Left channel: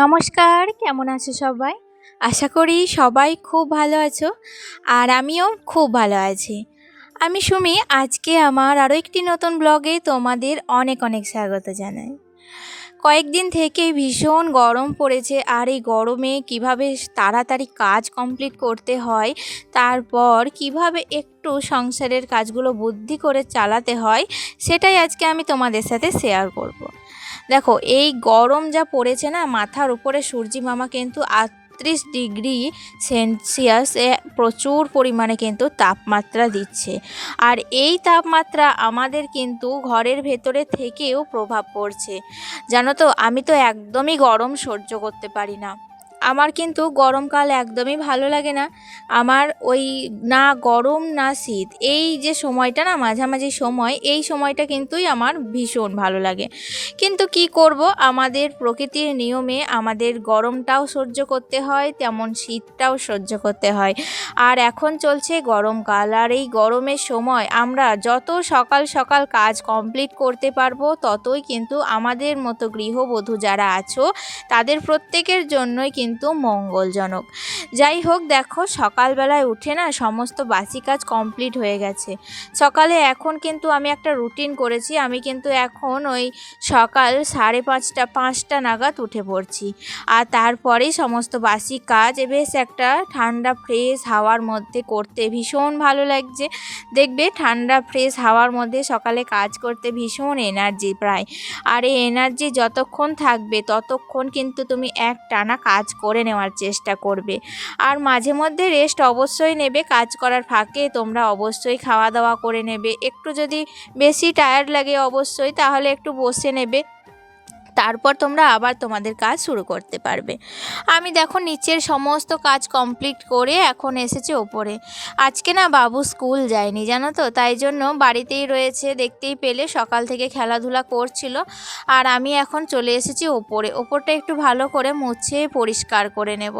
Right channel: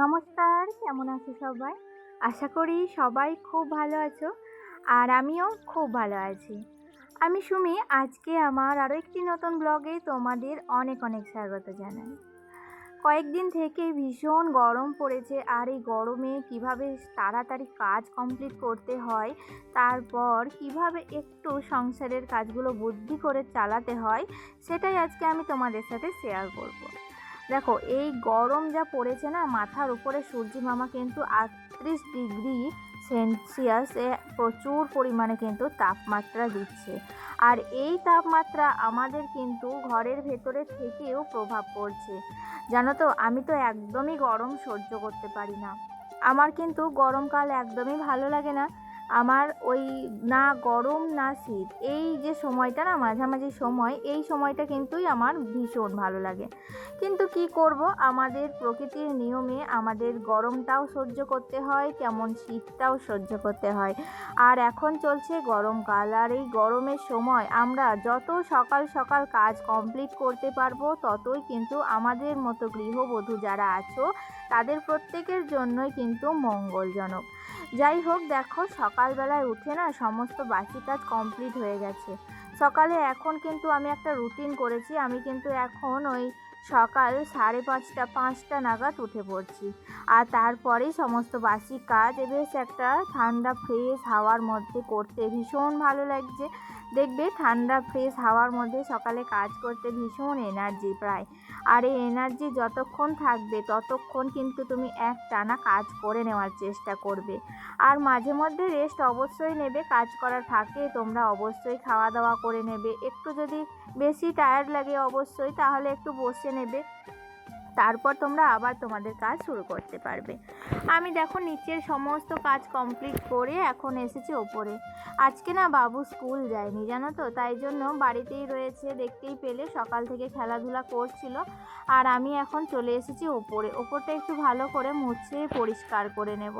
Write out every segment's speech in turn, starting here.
নমস্কার, কেমন আছো সবাই? আশা করি সবাই খুব ভালো আছো। আর আমিও খুব ভালো আছি। আমি সুমি, আজকে আমার আরও একটি নতুন ব্লগে তোমাদের অনেক অনেক স্বাগত জানাই। কয়েকদিন থেকেই ভীষণ গরম পড়েছে, আর এই গরমে কিভাবে তাড়াতাড়ি কাজ কমপ্লিট করতে হয়, তারপর কিভাবে একটু সংসারের কাজগুলো বুদ্ধি করে চালাতে হয়, সেটাই আজকে আমি তোমাদের সাথে শেয়ার করব। দেখো, এই গরম যা পড়েছে না, মাথার উপরে সূর্যি মামা কিন্তু 38 ডিগ্রি সেলসিয়াসে প্রচুর পরিমাণে কিন্তু তাপমাত্রা দিচ্ছে। আর এই তাপমাত্রা আমাদের কিন্তু ঘরের ভেতরে থেকেও প্রভাব পড়ছে। জানো তো, আমি তো একদমই গরম সহ্য করতে পারি না। আমার কিন্তু গরমকাল একদমই ভালো লাগে না। আমার ওই না গরম না শীত, এই যে সময়টা না মাঝামাঝি সময়, এই সময়টা কিন্তুই আমার ভীষণ ভালো লাগে। কিন্তু কি করব, আমাদের প্রকৃতির নিয়মে আমাদের গরমটাও সহ্য করতে হয়, তেমন শীতটাও সহ্য করতে হয়। আর এখন চলছে গরমকাল, আর এই গরমের সময় আমরা যত সকাল সকাল কাজ কমপ্লিট করতে পারবো, ততই কিন্তু আমাদের মতো গৃহবধূ যারা আছো তাদের প্রত্যেকের জন্যই কিন্তু মঙ্গলজনক। যাই হোক, দেখো, সকালবেলায় উঠে না সমস্ত বাসি কাজ কমপ্লিট হয়ে গেছে। সকালে এখন কিন্তু আমি একটা রুটিন করেছি। আমি কিন্তু এখন ওই সকাল 5:30 নাগাদ উঠে পড়ছি। আর তারপরেই সমস্ত বাসি কাজ বেশ একটা ঠান্ডা ফ্রেশ হাওয়ার মধ্যে করতে ভীষণ ভালো লাগছে। দেখবে, ঠান্ডা ফ্রেশ হাওয়ার মধ্যে সকালে কাজ করতে ভীষণ এনার্জি পায়। আর এই এনার্জি যতক্ষণ থাকবে ততক্ষণ কিন্তু তুমি একটানা কাজ করে নেওয়ার চেষ্টা করবে। আর মাঝে মধ্যে রেস্ট অবশ্যই নেবে। কাজ করার ফাঁকে তোমরা অবশ্যই খাওয়া দাওয়া করে নেবে। একটু যদি বেশি টায়ার্ড লাগে অবশ্যই তাহলে একটু বসে নেবে, তারপর তোমরা আবার তোমাদের কাজ শুরু করতে পারবে। আমি দেখো নিচের সমস্ত কাজ কমপ্লিট করে এখন এসেছি ওপরে। আজকে না বাবু স্কুল যায়নি, জানো তো, তাই জন্য বাড়িতেই রয়েছে। দেখতেই পেলে সকাল থেকে খেলাধুলা করছিল। আর আমি এখন চলে এসেছি ওপরে। ওপরটা একটু ভালো করে মুছে পরিষ্কার করে নেব।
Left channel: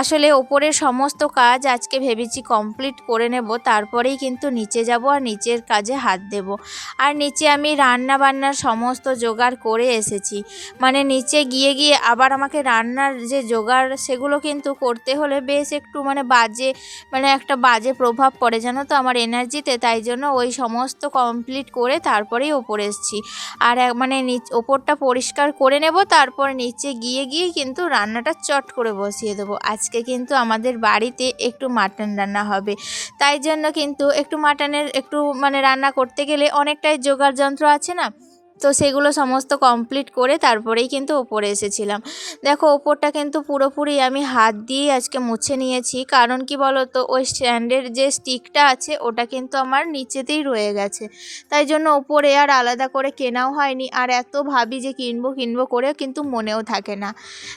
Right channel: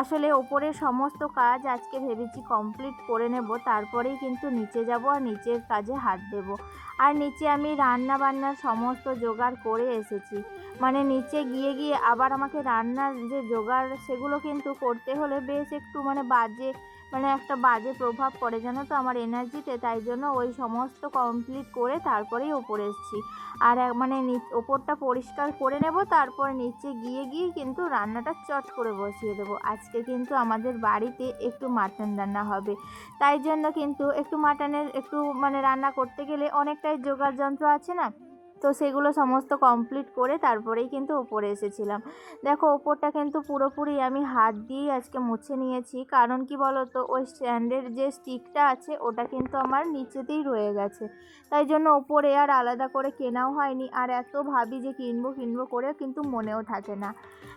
আসলে ওপরের সমস্ত কাজ আজকে ভেবেছি কমপ্লিট করে নেব, তারপরেই কিন্তু নিচে যাব আর নিচের কাজে হাত দেব। আর নিচে আমি রান্না বান্নার সমস্ত জোগাড় করে এসেছি। মানে নিচে গিয়ে গিয়ে আবার আমাকে রান্নার যে জোগাড় সেগুলো কিন্তু করতে হলে বেশ একটু একটা বাজে প্রভাব পড়ে, জানো তো, আমার এনার্জিতে। তাই জন্য ওই সমস্ত কমপ্লিট করে তারপরেই ওপরে এসেছি। আর ওপরটা পরিষ্কার করে নেব, তারপর নিচে গিয়ে গিয়ে কিন্তু রান্নাটা চট করে বসিয়ে দেবো। আজকে কিন্তু আমাদের বাড়িতে একটু মাটন রান্না হবে। তাই জন্য কিন্তু একটু মাটনের রান্না করতে গেলে অনেকটাই জোগাড় যন্ত্র আছে না, তো সেগুলো সমস্ত কমপ্লিট করে তারপরেই কিন্তু ওপরে এসেছিলাম। দেখো, ওপরটা কিন্তু পুরোপুরি আমি হাত দিয়ে আজকে মুছে নিয়েছি। কারণ কি বলো তো, ওই স্ট্যান্ডের যে স্টিকটা আছে ওটা কিন্তু আমার নিচেতেই রয়ে গেছে। তাই জন্য ওপরে আর আলাদা করে কেনাও হয়নি। আর এত ভাবি যে কিনবো করে কিন্তু মনেও থাকে না।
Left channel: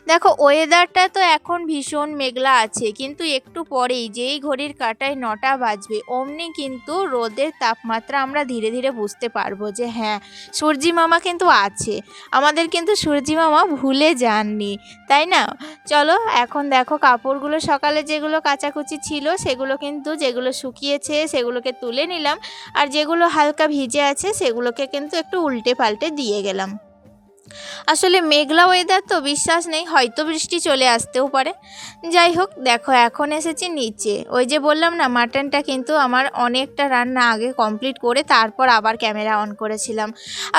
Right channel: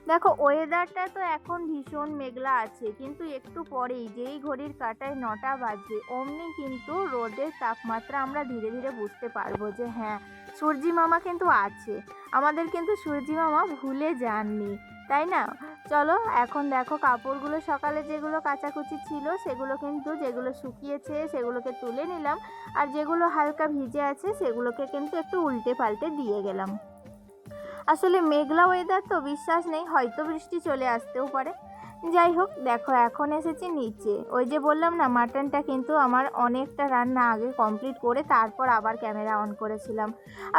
দেখো, ওয়েদারটা তো এখন ভীষণ মেঘলা আছে, কিন্তু একটু পরেই যেই ঘড়ির কাঁটায় 9টা বাজবে অমনি কিন্তু রোদের তাপমাত্রা আমরা ধীরে ধীরে বুঝতে পারবো যে হ্যাঁ, সূর্যি মামা কিন্তু আছে। আমাদের কিন্তু সূর্যি মামা ভুলে যাননি, তাই না? চলো, এখন দেখো, কাপড়গুলো সকালে যেগুলো কাচাকুচি ছিল সেগুলো কিন্তু, যেগুলো শুকিয়েছে সেগুলোকে তুলে নিলাম। আর যেগুলো হালকা ভিজে আছে সেগুলোকে কিন্তু একটু উল্টে পাল্টে দিয়ে গেলাম। আসলে মেঘলা ওয়েদার তো, বিশ্বাস নেই, হয়তো বৃষ্টি চলে আসতেও পারে। যাই হোক, দেখো, এখন এসেছি নিচে। ওই যে বললাম না, মাটনটা কিন্তু আমার অনেকটা রান্না আগে কমপ্লিট করে তারপর আবার ক্যামেরা অন করেছিলাম।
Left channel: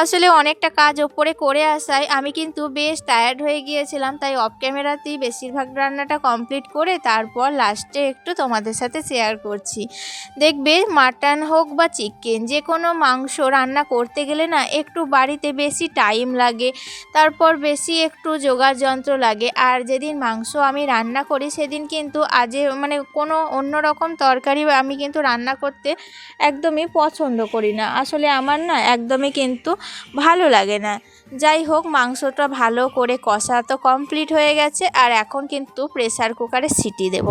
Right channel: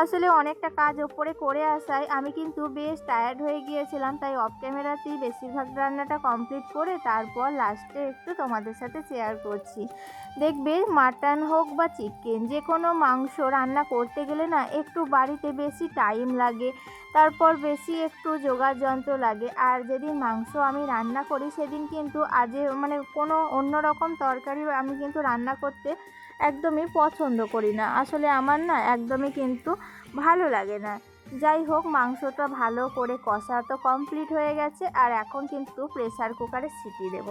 আসলে অনেকটা কাজ ওপরে করে আসায় আমি কিন্তু বেশ টায়ার্ড হয়ে গিয়েছিলাম, তাই অফ ক্যামেরাতেই বেশিরভাগ রান্নাটা কমপ্লিট করে তারপর লাস্টে একটু তোমাদের সাথে শেয়ার করছি। দেখবে, মাটন হোক বা চিকেন, যে কোনো মাংস রান্না করতে গেলে না একটু বাড়িতে বেশি টাইম লাগে, তারপর বেশি একটু জোগাড় যন্ত্র লাগে। আর যেদিন মাংস আমি রান্না করি সেদিন কিন্তু কোনো অন্যরকম তরকারি আমি কিন্তু রান্না করতে একদমই পছন্দ করি না। আসলে আমার না একদমই কিন্তু ভালো লাগে না। যাই হোক, মাংসটা ভালো করে কষা তো কমপ্লিট হয়ে গেছে। আর এখন কিন্তু প্রেসার কুকারে সিটি দেব।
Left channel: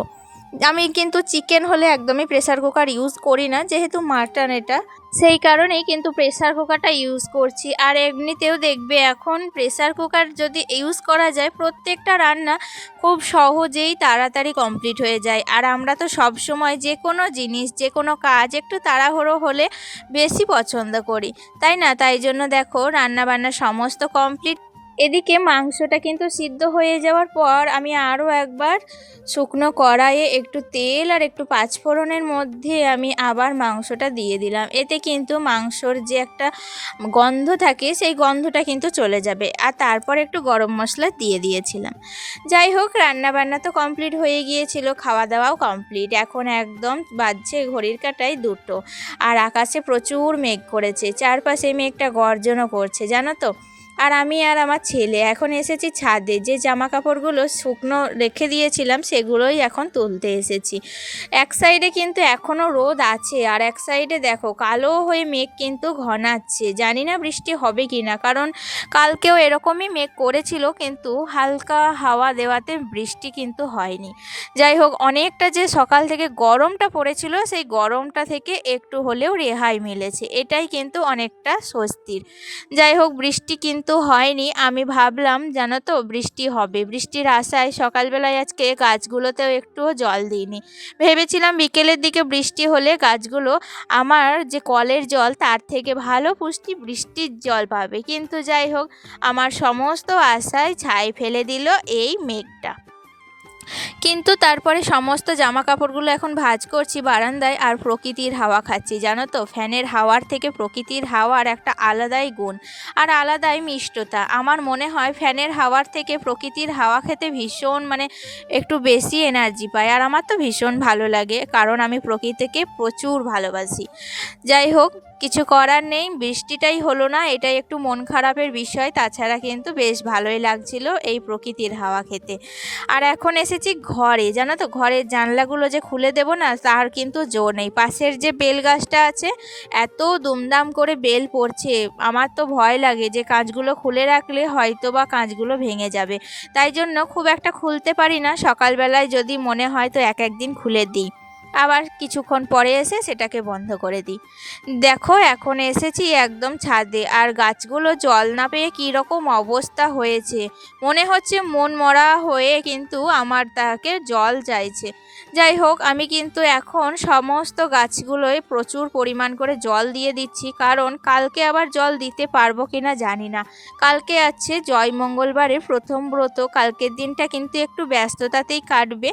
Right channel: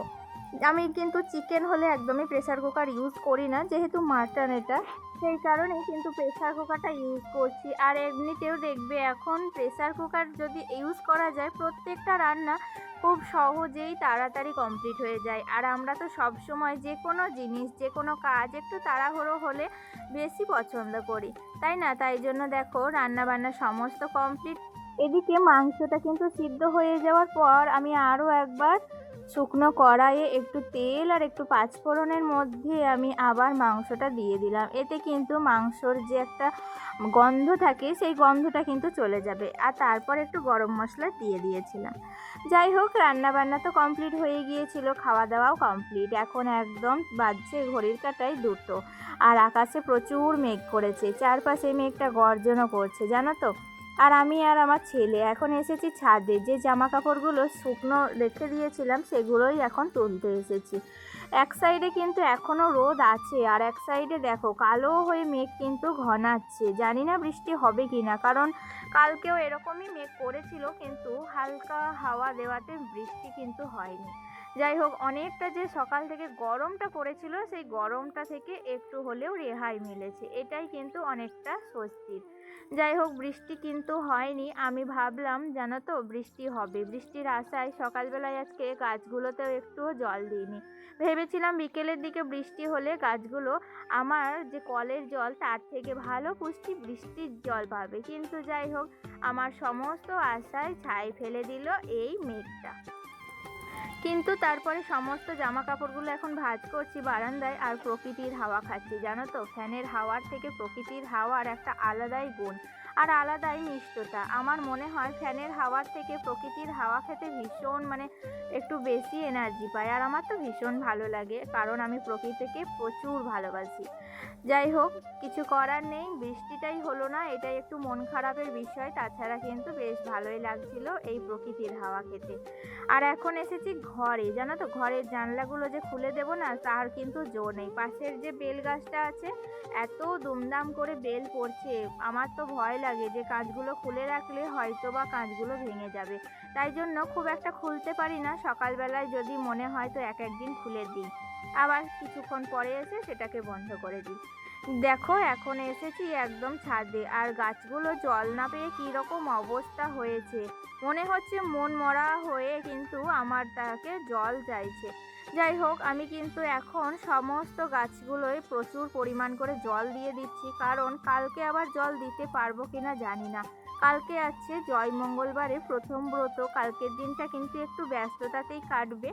আমি কিন্তু চিকেন হলে একদমই প্রেসার কুকার ইউজ করি না, যেহেতু মাটন এটা, সেই কারণেই কিন্তু প্রেসার কুকারটা ইউজ করছি। আর এমনিতেও দেখবে, এখন প্রেসার কুকার যদি ইউজ করা যায় প্রত্যেকটা রান্না খুব সহজেই তাড়াতাড়ি কমপ্লিট হয়ে যায়। আর আমরা তো সব সময় যে কোনো জিনিস, যে কোনো কাজ একটু তাড়াহুড়ো হলে বেশি পছন্দ করি, তাই না? তাই জন্য দেখো, রান্না বান্না সমস্ত কমপ্লিট। এদিকে মাংসটা কিন্তু সিদ্ধ হয়ে যাওয়ার পর আমি আরও একবার শুকনো কড়াইয়ে একটু তেল আর একটু পাঁচফোড়নের মধ্যে আমি আবার মাংসটা দিয়ে দিলাম। এতে কিন্তু মাংসর যে একটা গন্ধ থাকে সেই গন্ধটা কিন্তু চলে যাবে। আর তারপর একটু গরম মশলা দিয়ে দিয়েছিলাম। যাই হোক, রান্নাবান্না তো কমপ্লিট হয়ে গিয়েছিল, খাওয়া দাওয়াও কমপ্লিট। এখন একদম বাজছে ঘড়ির কাঁটায় 2টো, আর আকাশে প্রচুর মেঘ করেছে, চারপাশে মেঘটা গর্জনও করছে জানো তো। আর আমি আর আমার ছেলে এখন এসেছি ছাদে, যে জামা কাপড়গুলো শুকনো রেখে দিয়েছিলাম সেগুলোই এখন তুলতে এসেছি। এক সাইডে কিন্তু এখনও রোদ আছে, আর এক সাইডে দেখো কালো হয়ে মেঘ কিন্তু ঘনাচ্ছে। জানি না বৃষ্টি হবে কি না, কারণ কালকেও এরকমই মেঘ করেছিল, কিন্তু হালকা হাওয়া দেওয়াতে বৃষ্টি কিন্তু হয়নি। যাই হোক, অনেকটা যে সকাল থেকে গরমটা পড়েছিল সেই গরমটা থেকে একটু হলেও রেহাই মিলেছে, এটাই কিন্তু অনেকটা স্বস্তির। যাই হোক, বৃষ্টি কিন্তু হয়নি। আমি ভাবলাম জানো তো বৃষ্টি হবে, বৃষ্টির আশায় সকালবেলায় আজকে গাছগুলোতেও একটুও জল দিইনি। ভেবেছিলাম বিকেলের দিকে বৃষ্টি হলে গাছগুলো আমার যে কলের জল তার থেকে ভালো পুষ্টি বৃষ্টির জল পাবে, কিন্তু যাই হোক, আমার সমস্ত আশায় ছাই ফেলে দিল এই মেঘটা। কিন্তু তারপরে সমস্ত জামা কাপড়গুলো এখন ভাঁজ করছি বারান্দায়, আর প্রকৃতির হাওয়া খাচ্ছি জানো তো। ফ্যানের হাওয়ার থেকে প্রকৃতির হাওয়ার একটা আলাদাই গুণ আর আলাদাই মিষ্টতা। আমার মনে হয় ফ্যানের হাওয়ার থেকে প্রকৃতির হাওয়া খেতে ভীষণ একটু বেশি এনার্জি পাই, আর আমার তো ভীষণ ভালো লাগে, কারণ আমি প্রকৃতিকে প্রচুর ভালোবাসি। যাই হোক, কিছু করার নেই, বৃষ্টিটাই হলো না, এটাই একটু মন খারাপের বিষয়। তাছাড়া কিন্তু বেশ ভালোই লাগছিল এই প্রকৃতির হাওয়া খেতে। আর এখন এসেছি ঘরে, জানো তো, ঘরের জানলাগুলো যে খুলে দেব না তার কিন্তু জোর নেই। পাশের যে বেল গাছটা আছে, এত দুমদাম করে বেল পড়ছে, আমার তো ভয় লাগে যে কাঁচগুলো খুলে রাখলে হয়তো বা কাঁচগুলো ভেঙে যাবে, তাই জন্য খুব একটা খুলতে পারি না। সকালবেলায় যদি মনে হয় তো এক একদিন খুলে দিই, আবার কিছুক্ষণ পরে এসে সেটাকে বন্ধ করে দিই। দেখো, এখন এসেছি একদম ছাদে, আর গাছগুলো জল না পেয়ে কীরকম অবস্থা হয়েছে, মনে হচ্ছে মন মরা হয়ে কিন্তু আমার তাকে জল চাইছে। যাই হোক, আমি কিন্তু এখন সমস্ত গাছগুলোয় প্রচুর পরিমাণ করে জল দিয়ে দিচ্ছি, কারণ কালকে আবার জল দিতে পারবো কিনা জানি না। কালকে আছে জয় মঙ্গলবারের প্রথম ব্রত, কালকের দিনটা কিন্তু একটু ব্যস্ততাতেই কাটবে।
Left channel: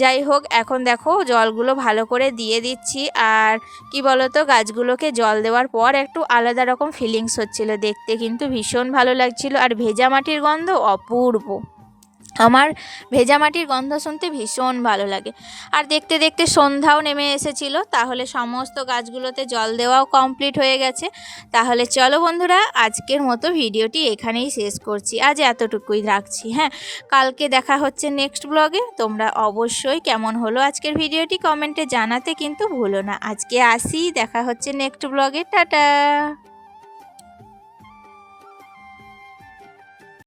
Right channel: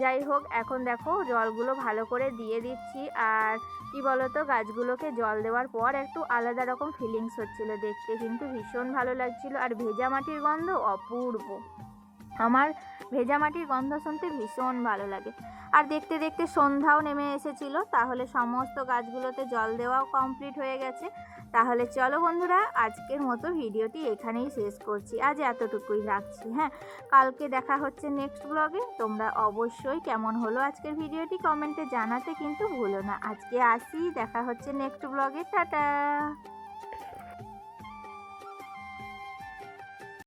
যাই হোক, এখন দেখো জলগুলো ভালো করে দিয়ে দিচ্ছি। আর কি বলতো, গাছগুলোকে জল দেওয়ার পর একটু আলাদা রকম ফিলিংস হচ্ছিল, দেখতে কিন্তু ভীষণ ভালো লাগছিল। আর ভেজা মাটির গন্ধ অপূর্ব, আমার ভেজা মাটির গন্ধ শুনতে ভীষণ ভালো লাগে। আর দেখতে দেখতে সন্ধ্যাও নেমে এসেছিল, তাহলে সমস্ত গাছগুলোতে জল দেওয়াও কমপ্লিট হয়ে গেছে। তাহলে চলো বন্ধুরা, আজকের মতো ভিডিওটি এখানেই শেষ করছি, আজ এতটুকুই রাখছি। হ্যাঁ, কালকে দেখা হচ্ছে নেক্সট ব্লগে। তোমরা অবশ্যই কেমন হলো আজকের ভিডিওটি কমেন্টে জানাতে কিন্তু ভুলো না। আজকে আসি, দেখা হচ্ছে নেক্সট ব্লগে, টাটা।